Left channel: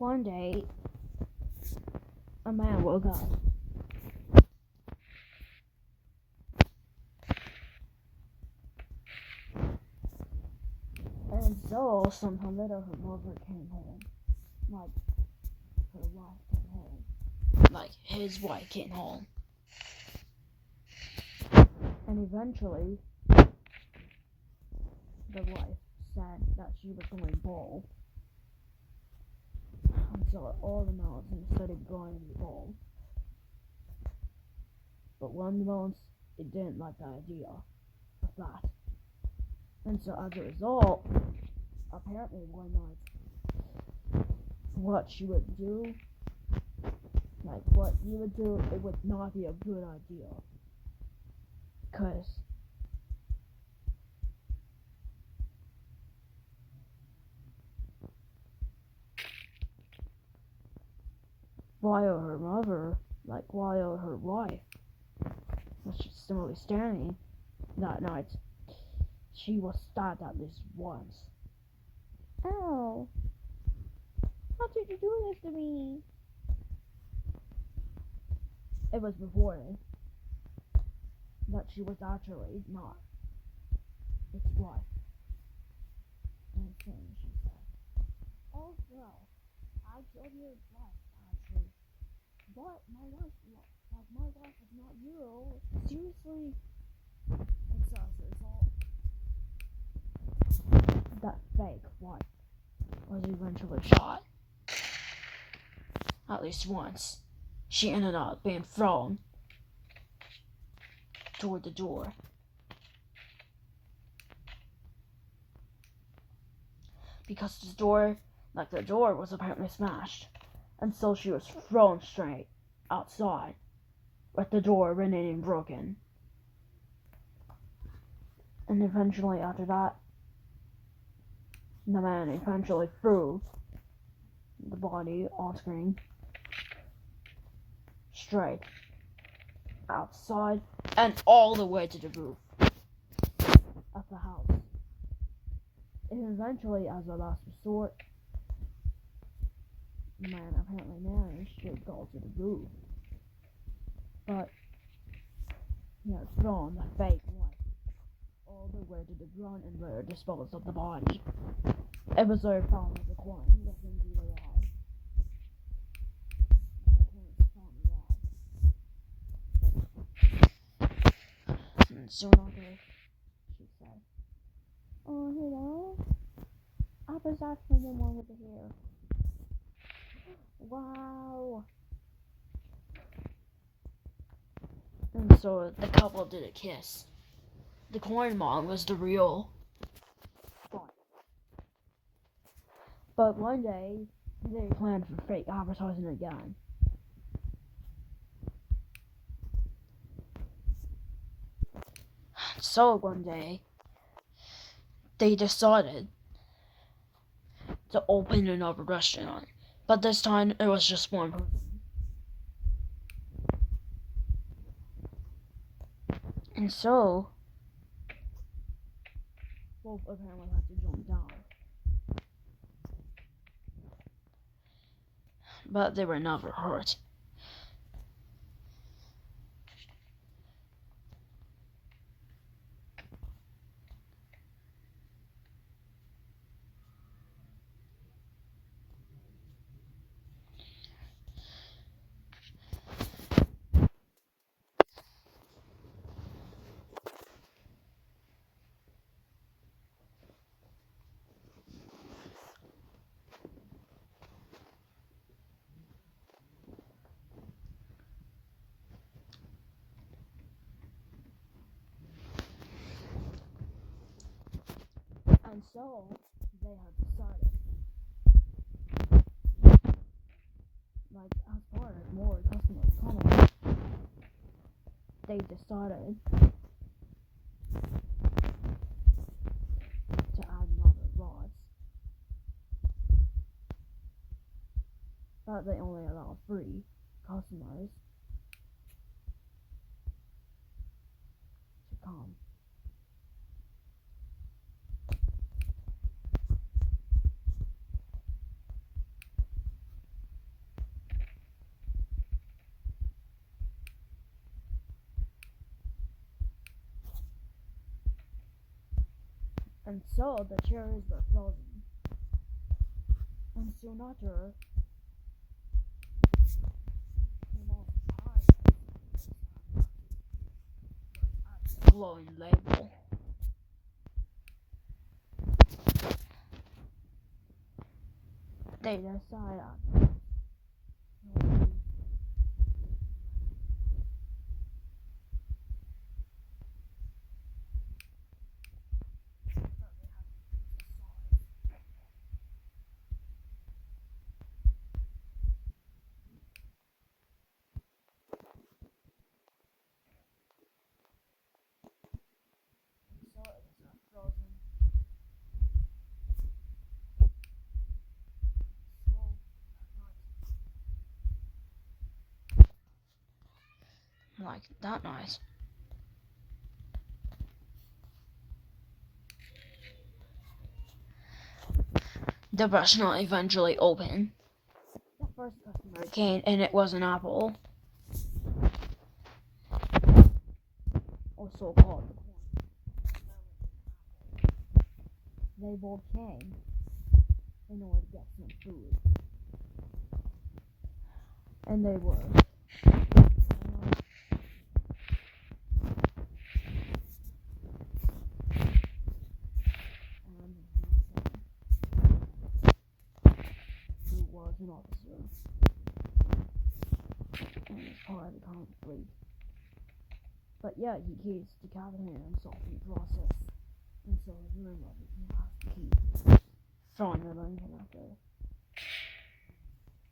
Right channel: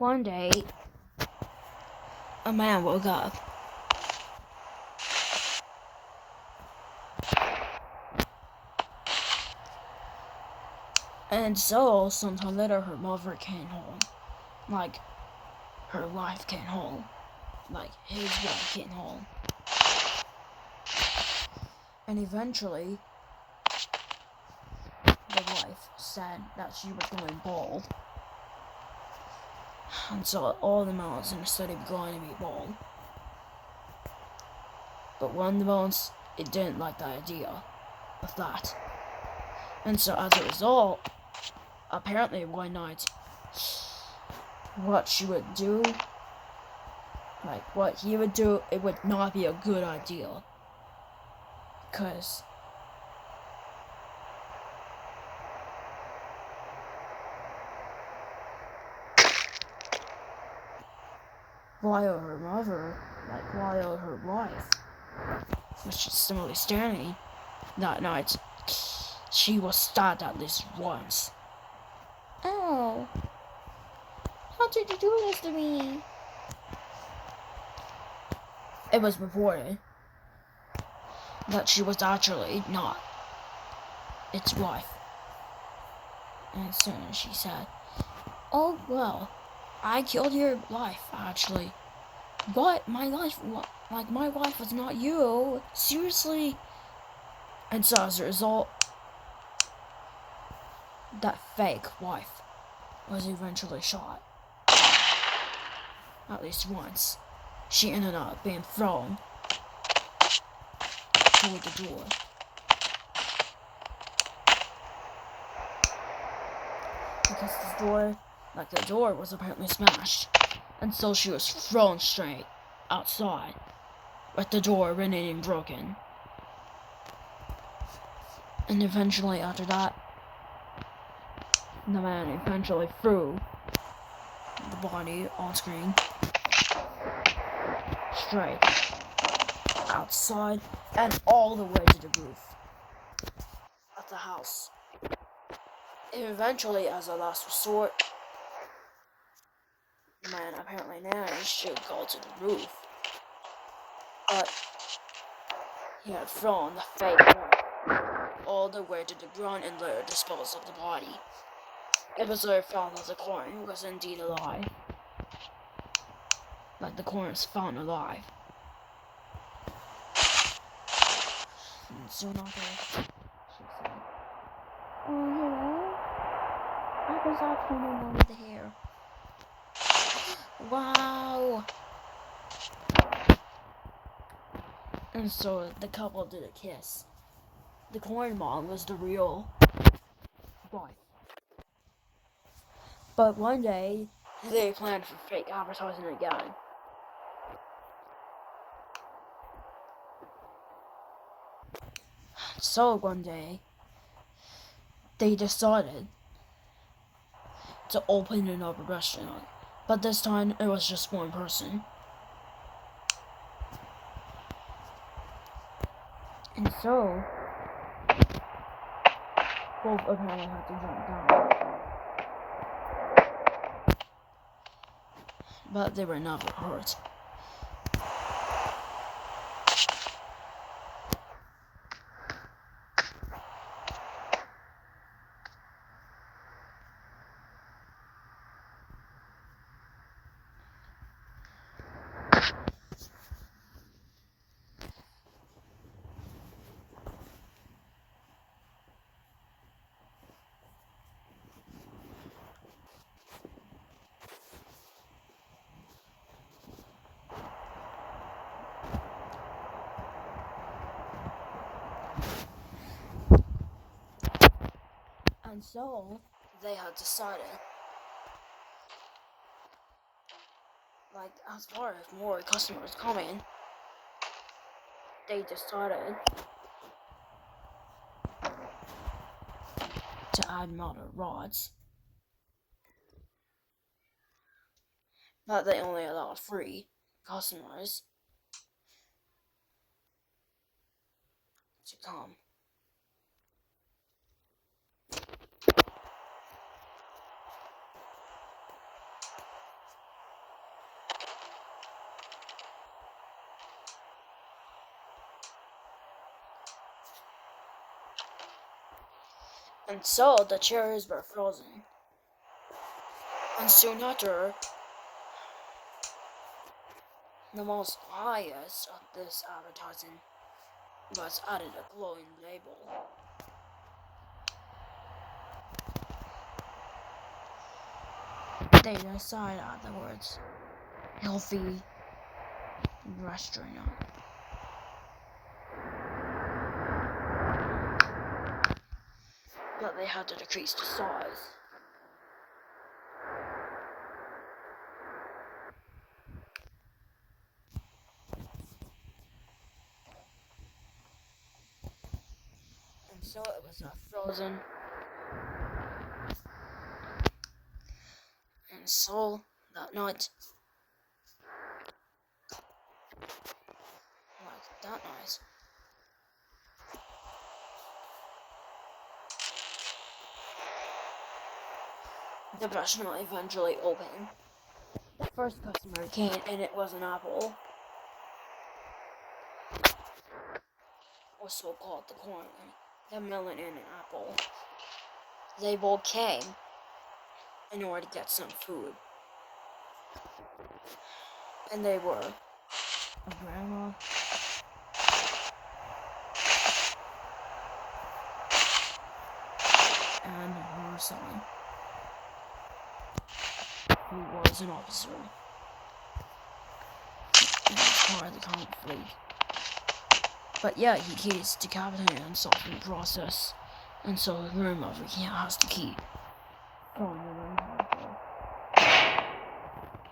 One day, a man woke up. And so, sometime later, her mother came home. Like, her wife came home. Like, his wife came home. And eventually, the wife said that she was going bald. And so all the melons in the study were going to be bald. But one of the melons, it didn't like the idea of that. And so as a result, apparently one night, what she would do, like what he would do, it would not be a good idea. Because while her mother, while her wife was just simply standing that night, she was stabbed at least once. Oh, how did you do this to me? It was reported that she was actually not its wife. And soon she said, "Oh well, I killed your wife actually. But my wife was not you. Seriously." And so as a result, that fake wife was eventually shot. At least once. She ended up being thrown toward the door. Because the door was apparently smashed. And so she was thrown straight outside, with the door remaining broken. And eventually after that, the man eventually threw the body on screen straight outside and all the way to the roof of the house. And eventually, as a last resort, the man apparently managed to go to the roof, but he had thrown the fake one all the way to the ground and later disposed of the body. It was later found that the corn was indeed alive. Like the corn was found alive. And soon after, she said, Oh, hello? I was actually the one with the hair. "Wow!" And so the couple did a kiss. The corn mom was the real wife. But one day, they planned for fake advertising again. So one day, they decided to open another restaurant. But this time, it was just one person. And so, both apparently had to jump down. But they were never hurt. And so, they had decided, like, as far as more customers coming, they decided to add more rods. But they only allowed free customers to come. And so the cherries were frozen. And soon after, the most highest of this advertising was added a glowing label. They decided afterwards, healthy restaurant. But they had to decrease the size. And so it was frozen. And so that night, the restaurant eventually opened. The first customer came and it was an apple. Also called the corn, the melon and an apple. They both came in order to get some food. And they were grandma and her son, who was an officer and was part of the conflict. But yeah, he keeps decapitating himself in the process, and so his grandmother has to keep throwing them in harmful.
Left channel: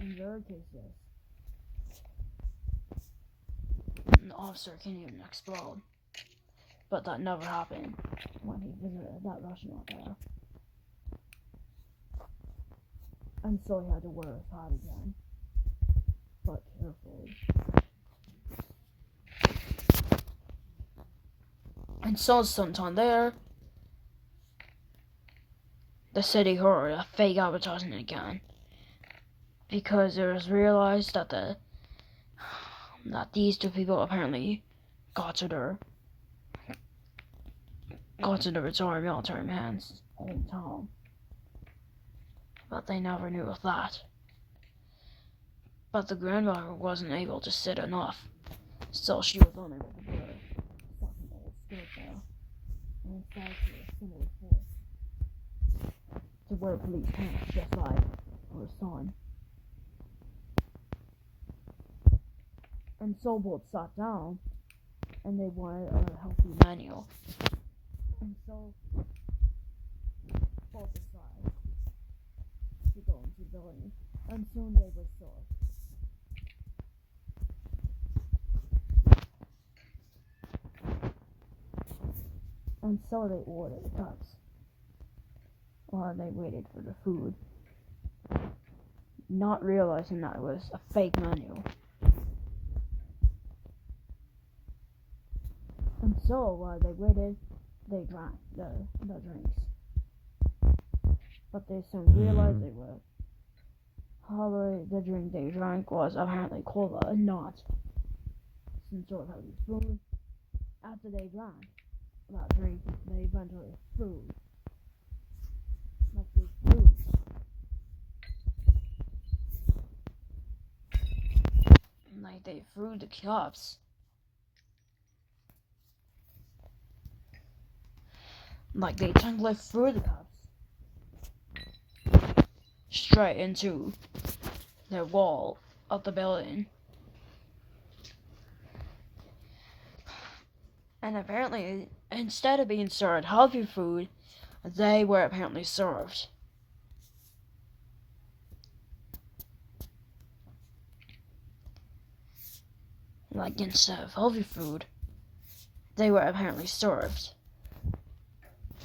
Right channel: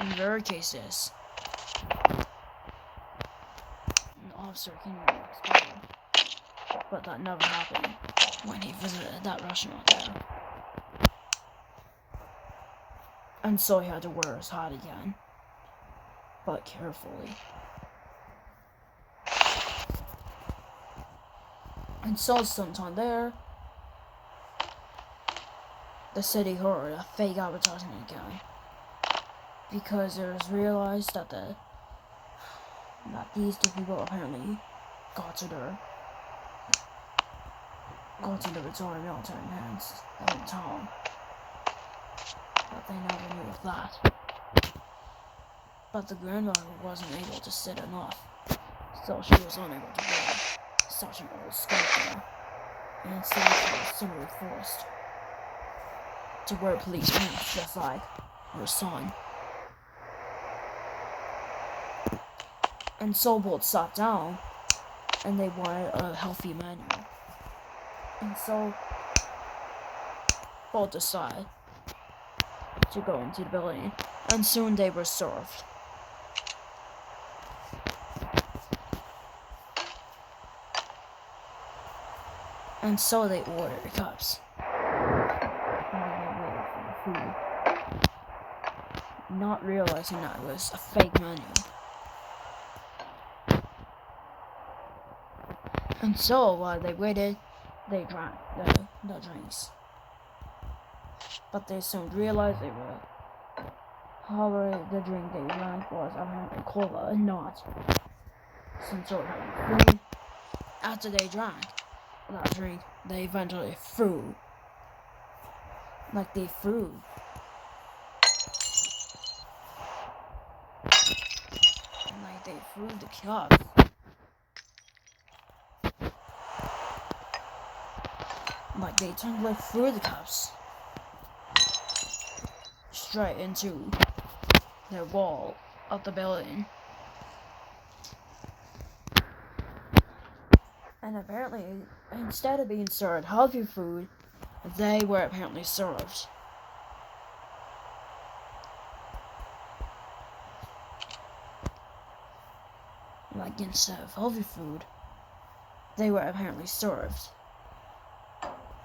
In rare cases, the officer can even explode, but that never happened when he visited that restaurant there. And so he had to wear his hat again, but carefully. And so sometime there, the city heard a fake advertising again, because it was realized that these two people apparently got to the retired military man's town, but they never knew of that. But the grandmother wasn't able to sit enough, so she was unable to wear such an old skirt, and instead she was simply forced to wear police pants just like her son. And so both sat down, and they wanted a healthy menu. And so both decided to go into the building, and soon they were served. And so they ordered cups while they waited for the food, not realizing that it was a fake menu. And so while they waited, they drank the drinks. But they soon realized they were. However, the drink they drank was apparently cola and not some sort of food. After they drank that drink, they eventually threw. Like they threw. Like they threw the cups. Like they technically threw the cups straight into the wall of the building. And apparently, instead of being served healthy food, they were apparently served like instead of healthy food, they were apparently served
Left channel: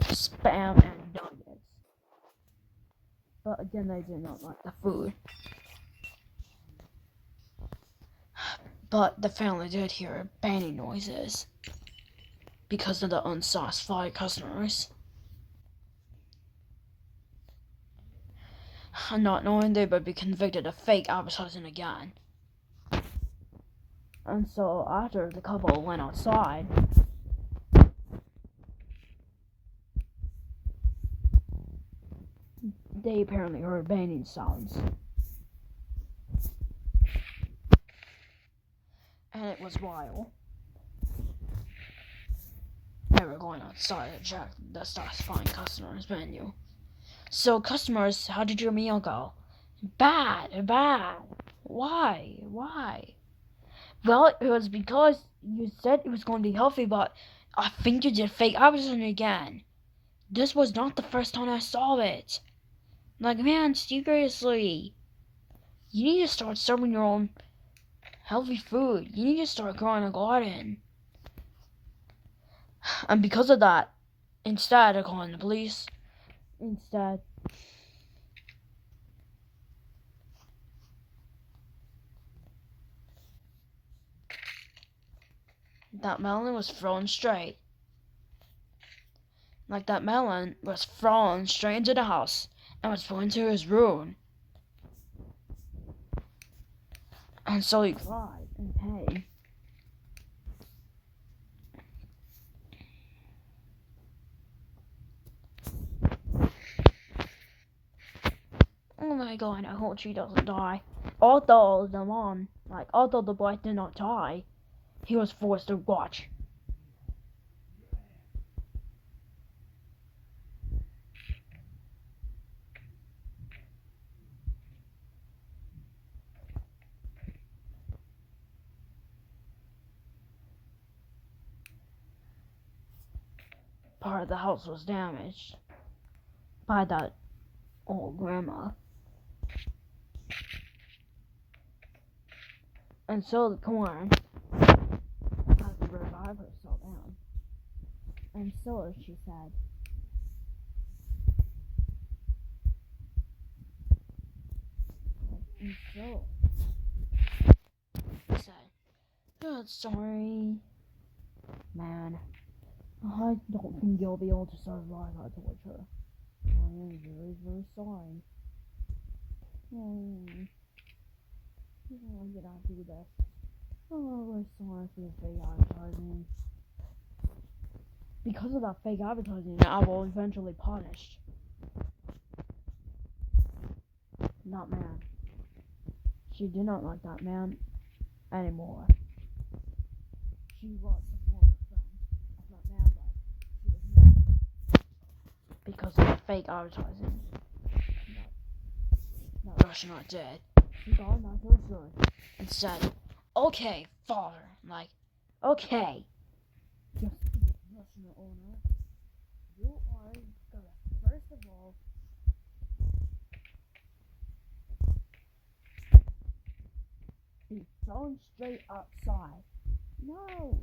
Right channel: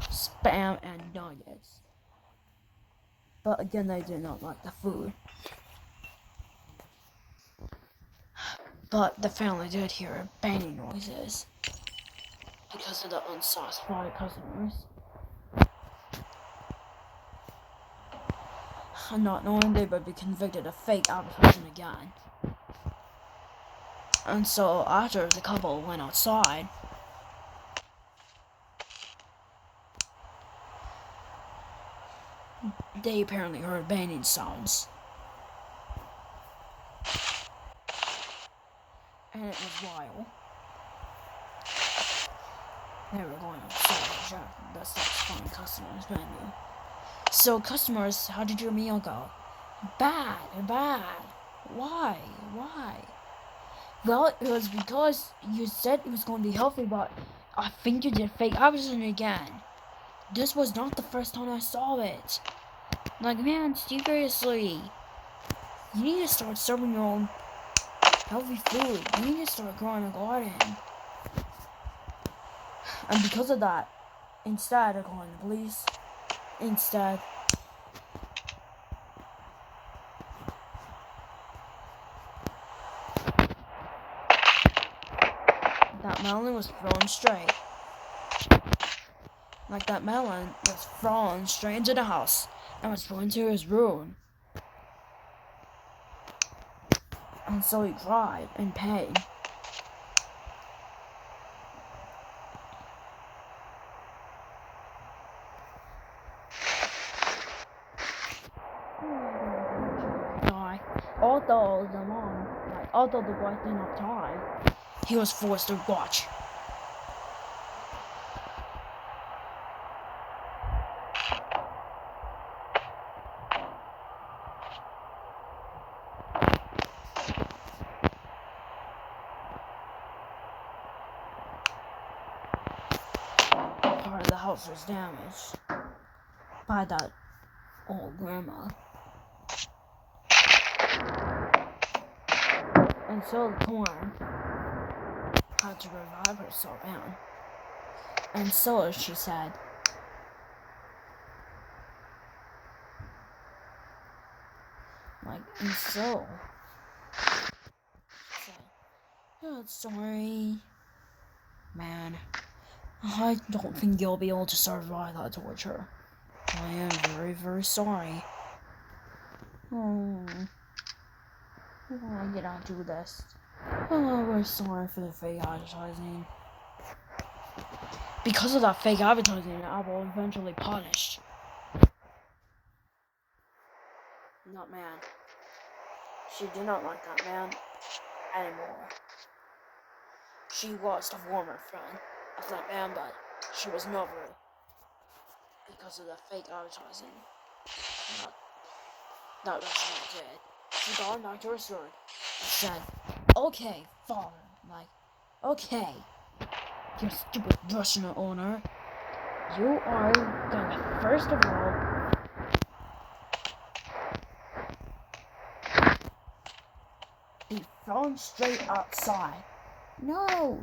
Spam and nuggets. But again, they did not like the food. But the family did hear banging noises because of the unsatisfied customers. And not knowing they would be convicted of fake advertising again. And so after the couple went outside, they apparently heard banging sounds. And it was wild. They were going outside and check the stops find customers menu. So customers, how did your meal go? Bad. Why? Well, it was because you said it was going to be healthy, but I think you did fake advertising again. This was not the first time I saw it. Like, man, seriously. You need to start serving your own healthy food. You need to start growing a garden. And because of that, instead of calling the police, that melon was thrown straight. Like that melon was thrown straight into the house and was put into his room. And so he cried in pain. Oh my god, I hope she doesn't die. Although the boy did not die, he was forced to watch. Part of the house was damaged by that old grandma. And so the corn had to revive herself down. And so she said, she said, "God, sorry, man. I don't think you'll be able to survive that torture. I am very, very sorry. Oh, why did I do this? Oh, we're sorry for the fake advertising. Because of that fake advertising, I will eventually punish that man. She did not like that man anymore. She was the former friend of that man, but she was never because of the fake advertising that restaurant did. She got back to her store and said, "Okay, father," "Okay, you stupid restaurant owner, you are gonna first of all be thrown straight outside." No.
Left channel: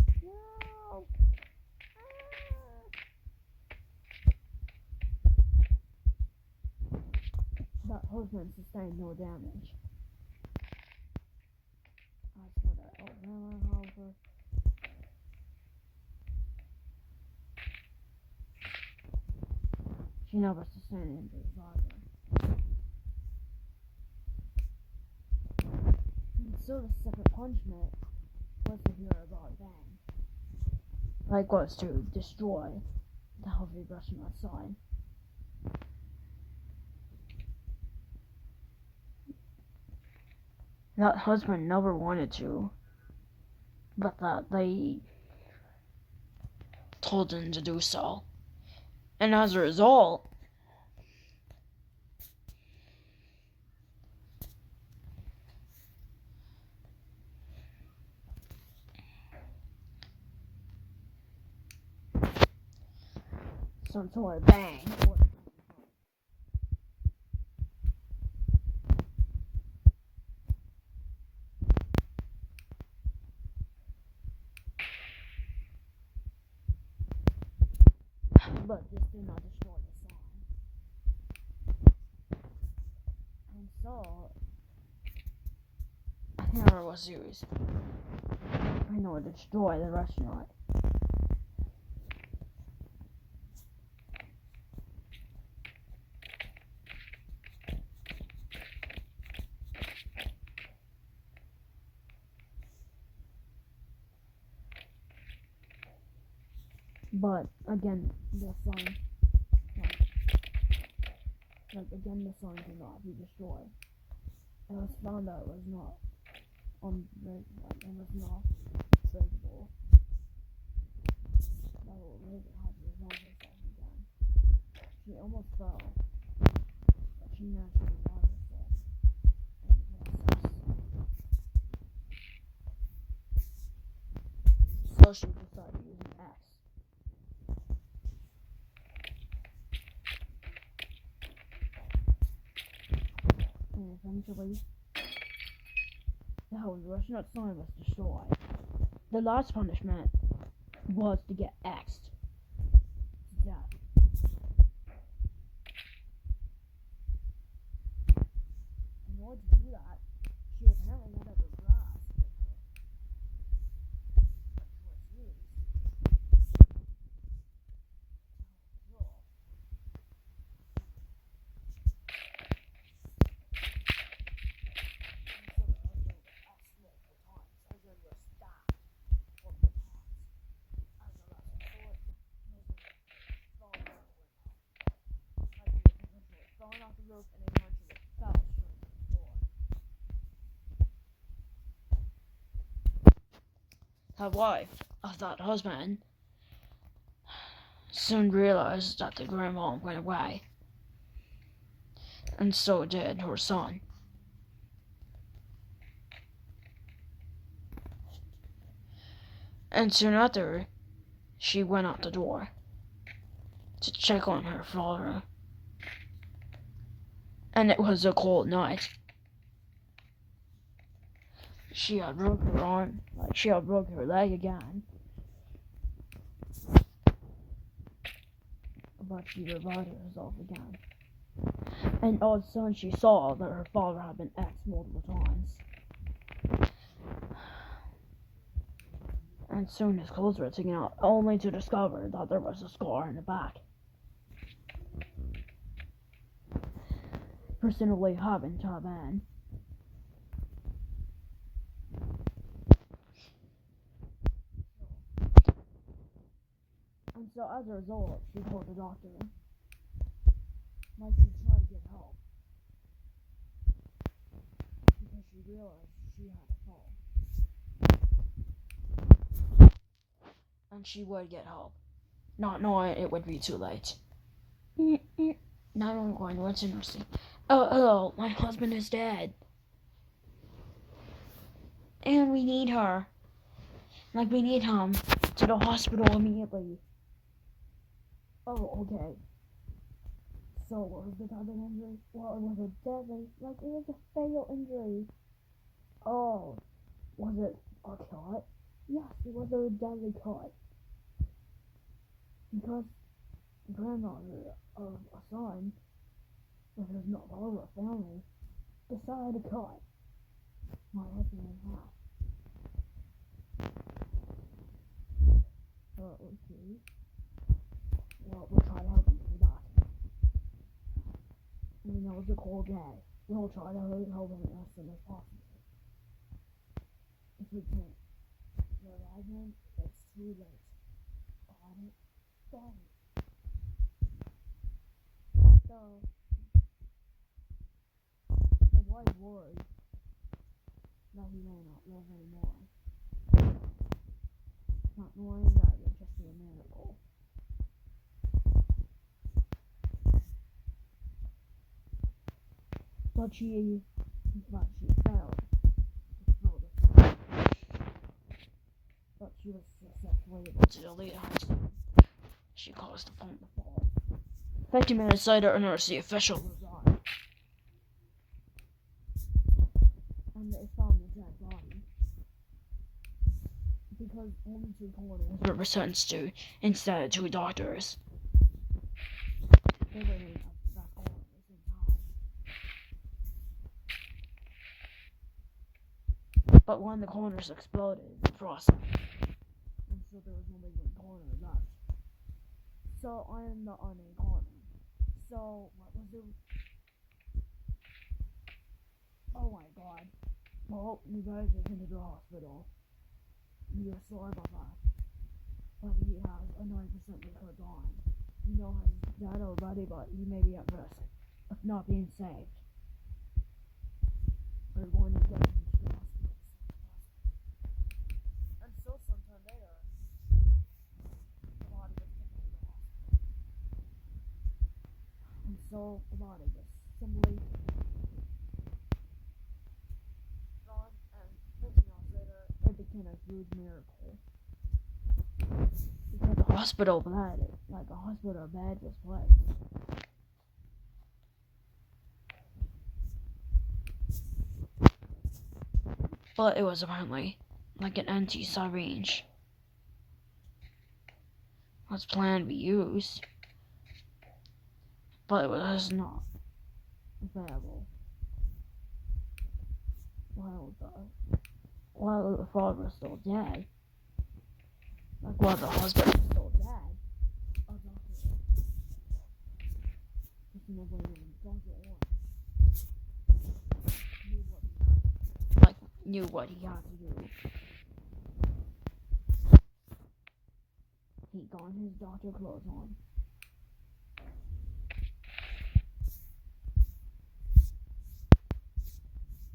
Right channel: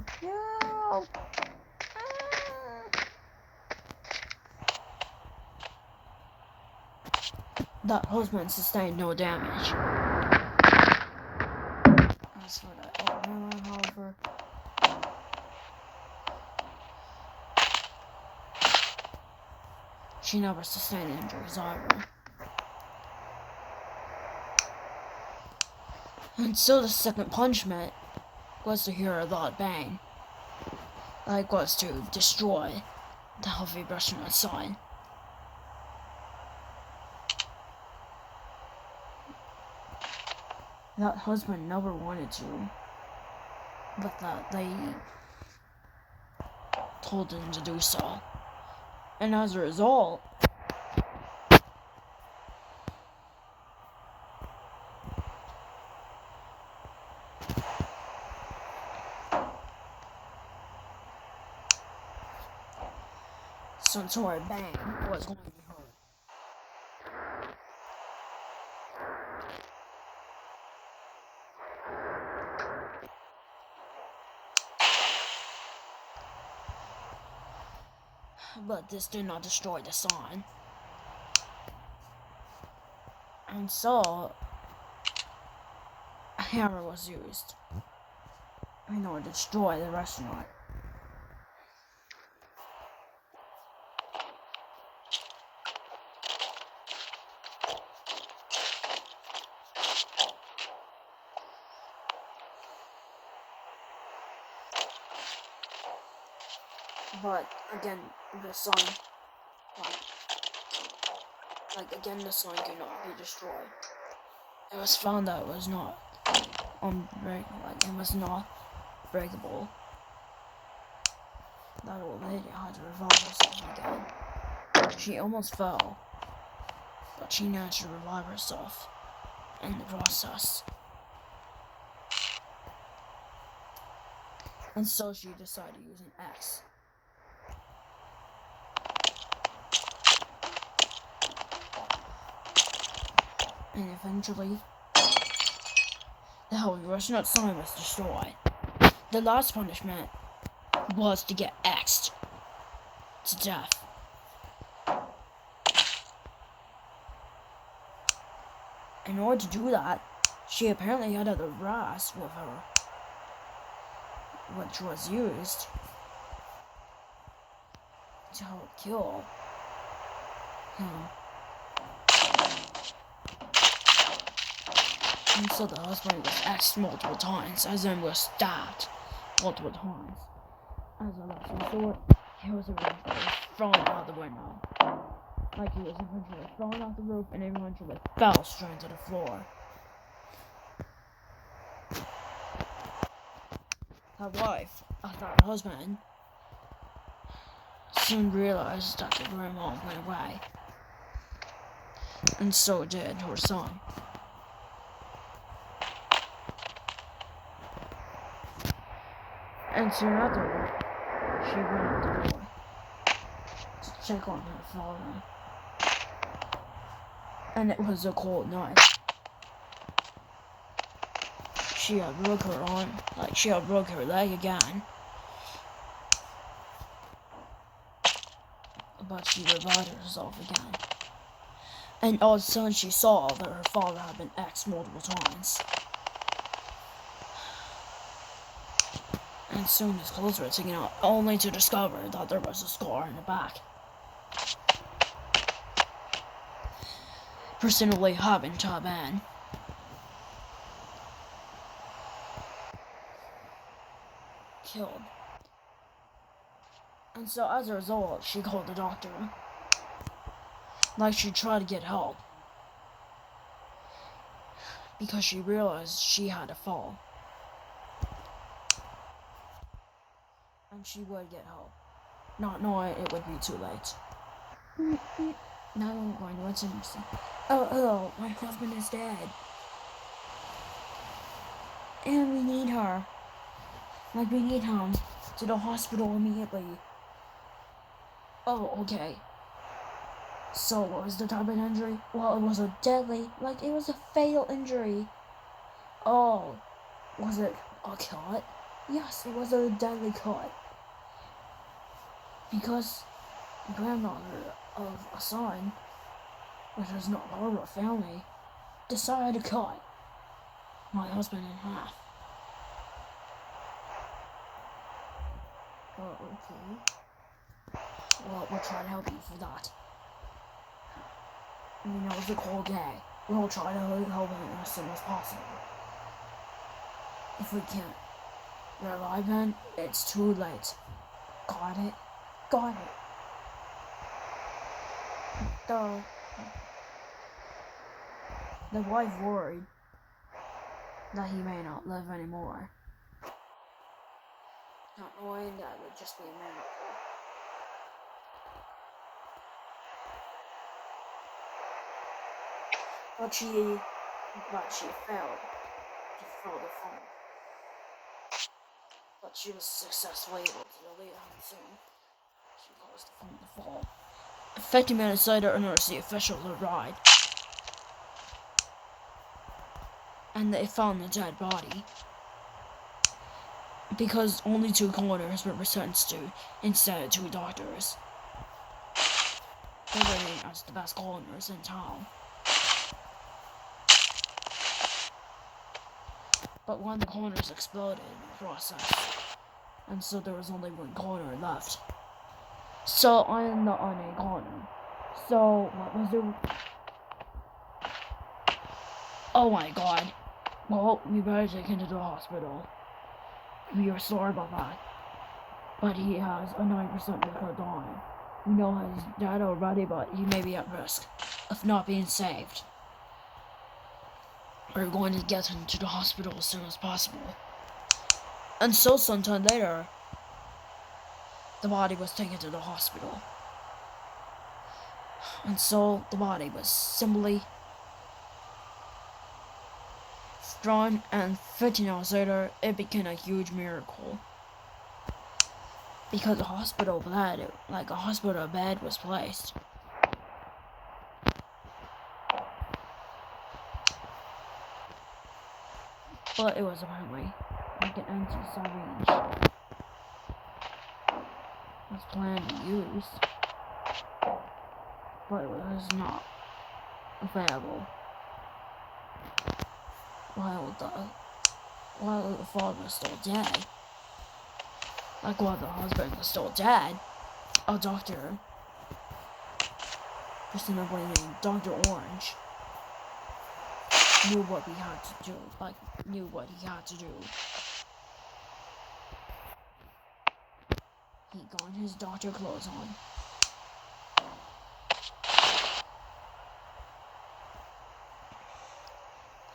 That husband sustained no damage. As for that old woman, however, she never sustained injuries either. And so the second punishment was to hear a loud bang. Was to destroy the healthy restaurant sign. That husband never wanted to, but that they told him to do so. And as a result, some sort of bang was going to be heard. But this did not destroy the sign. And so, a hammer was used in order to destroy the restaurant. But again, the sign Like again, the sign could not be destroyed. It was found that it was not it was not breakable. That old lady had to revive herself again. She almost fell, but she managed to revive herself in the process. And so she decided to use an axe. And eventually, the Holy Russian sign was destroyed. The last punishment was to get axed to death. In order to do that, she apparently had other brass with her, which was used to help kill him. And so the husband was axed multiple times, as in was stabbed multiple times. As a last resort, he was eventually thrown out the window. Like he was eventually thrown off the roof and eventually fell straight to the floor. The wife of that husband soon realized that the grandma went away, and so did her son. And soon after, she went out the door to check on her father. And it was a cold night. She had broke her arm, she had broke her leg again. But she revived herself again. And all of a sudden she saw that her father had been axed multiple times. And soon his clothes were taken out, only to discover that there was a scar in the back. Presumably happened to have been killed. And so as a result, she called the doctor. She tried to get help. Because she realized she had to fall. And she would get help, not knowing it would be too late. Now I'm going to what's interesting. Oh, my husband is dead. And we need her. We need him to the hospital immediately. Oh, okay. So, what was the type of injury? Well, it was a deadly, it was a fatal injury. Oh, was it a cut? Yes, it was a deadly cut. Because the grandmother of a son, which was not part of our family, decided to cut my husband in half. Oh, okay. Well, we'll try to help you for that. It's a cold day. We'll try to help him as soon as possible. If we can't revive him, it's too late. Got it? Got it. The wife worried that he may not live anymore. Not knowing that it would just be a miracle. But she failed to throw the phone. But she was successfully able to delete it herself. She caused the phone to fall. 50 minutes later, an emergency official arrived. And they found the dead body. Because only 2 coroners were sentenced to instead of 2 doctors. They were named as the best coroners in town. But one of the coroners exploded in the process. And so there was only 1 coroner left. So I'm the unnamed coroner. So what was the... Oh my god. Well, we better take him to the hospital. We are sorry about that. But he has a 9% risk of dying. We know he's died already, but he may be at risk of not being saved. We're going to get him to the hospital as soon as possible. And so sometime later, the body was taken to the hospital. And so the body was simply thrown, and 15 hours later, it became a huge miracle. Because a hospital bed was placed. But it was apparently like an anti-syringe was planned to use, but it was not available while the father was still dead. Like while the husband was still dead, a doctor, presumably named Dr. Orange, knew what he had to do. He got his doctor clothes on.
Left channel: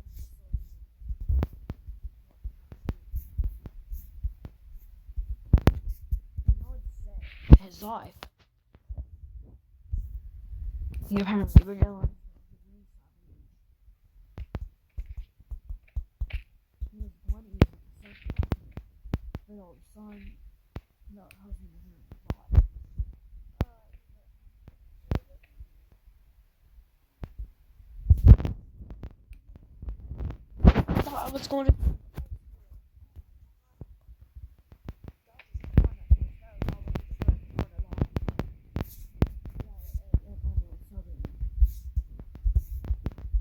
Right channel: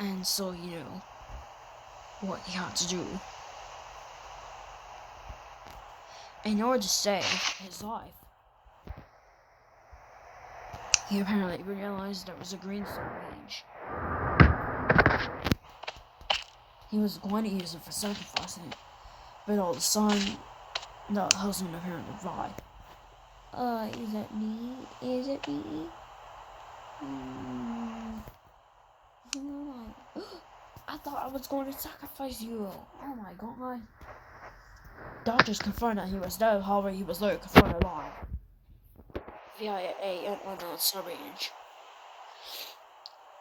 And so he knew what he had to do in order to save his life. He apparently realized there was a green syringe. He was going to use it for sacrificing, but all of a sudden, the husband apparently died. Is it me? Is it me? I thought I was going to sacrifice you. Oh my god. Doctors confirmed that he was dead, however he was later confirmed alive. Via an unknown syringe.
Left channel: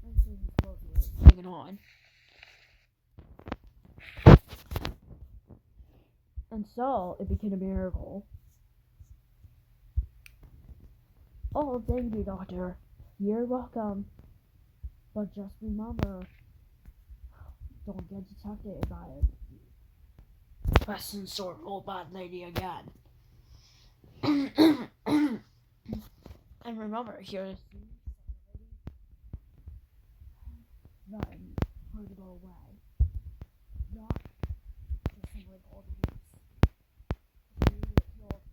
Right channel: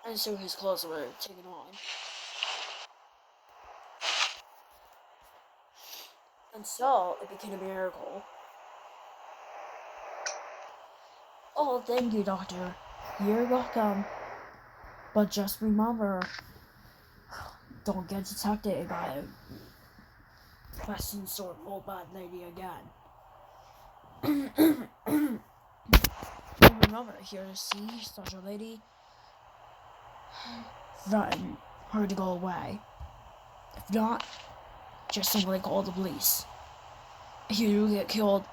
And so his clothes were taken on. And so it became a miracle. Oh, thank you, Doctor. You're welcome. But just remember, don't get detected by a questions or old bad lady again. And remember, here to see such a lady, threaten her to go away. If not, just simply call the police. If you do get killed,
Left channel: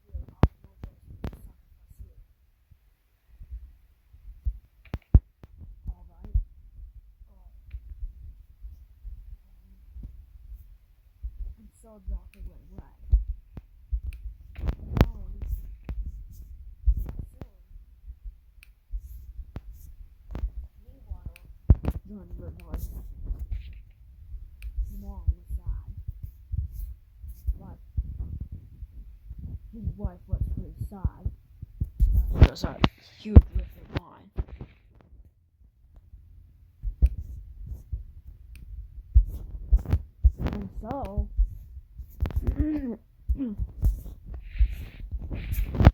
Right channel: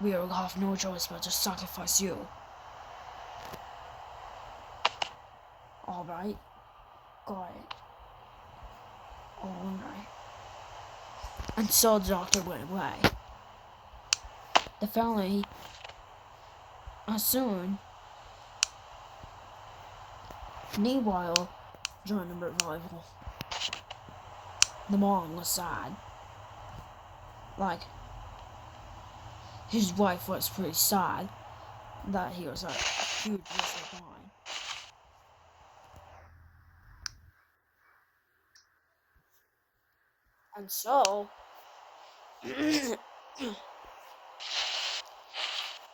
we will have no choice but to sacrifice you. Alright? Got it. Alright. And so the doctor went away. The family soon, meanwhile, during the revival, the mom was sad. Like, his wife was pretty sad that he was a huge risk of mine. And so,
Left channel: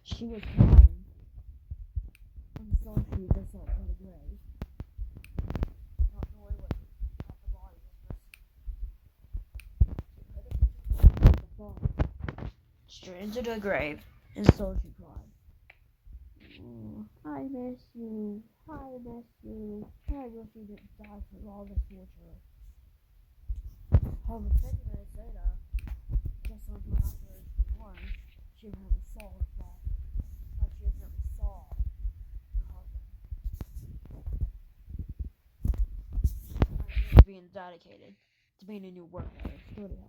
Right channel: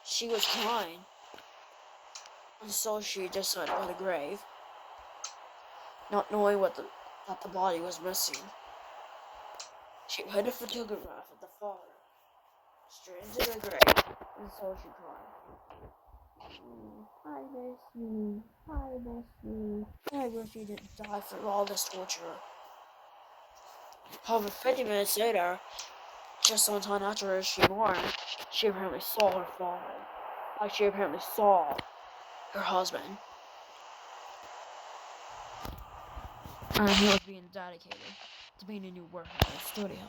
she was crying. And so she decided by the grave, not knowing that the body was missing. She put a photograph of the father straight into the grave, and so she cried. I miss you. I miss you. I wish you didn't die for all this torture. However, 50 minutes later, just on time after she mourned, she apparently saw her father. She apparently saw her husband. And he was being dedicated to being a new worker in the studio.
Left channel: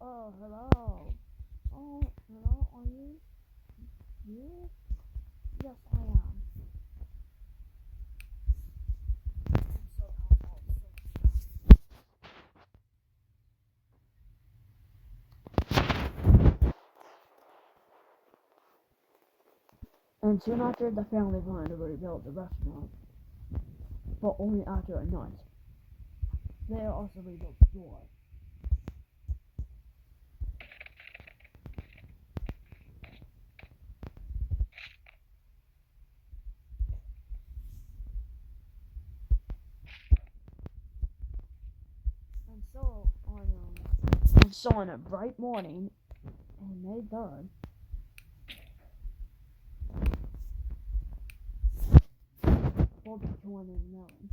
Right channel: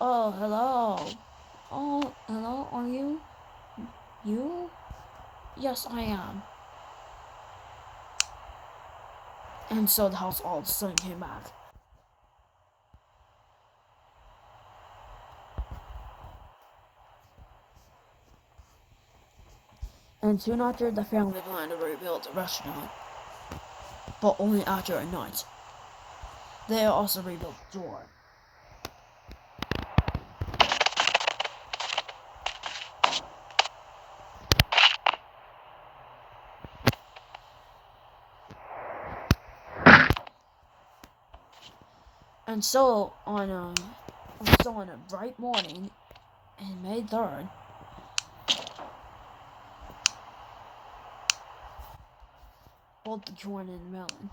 Oh, hello. Oh, hello, are you? You? Yes, I am. And so the house all of a sudden came back. And soon after, the family planned to rebuild the restaurant. But only after a night. They also rebuilt the door. And so on a bright morning in May 3rd, both Jordan and Melon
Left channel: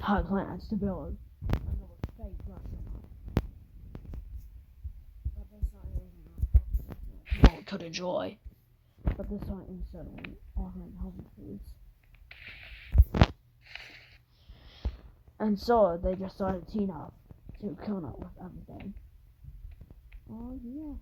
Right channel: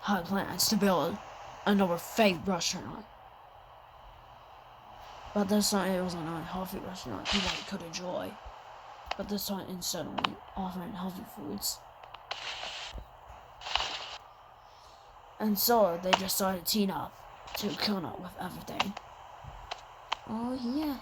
had plans to build another fake restaurant. But this time it was an unhealthy restaurant people could enjoy. But this time instead of offering healthy foods. And so they just started teaming up to come up with everything. Oh yeah,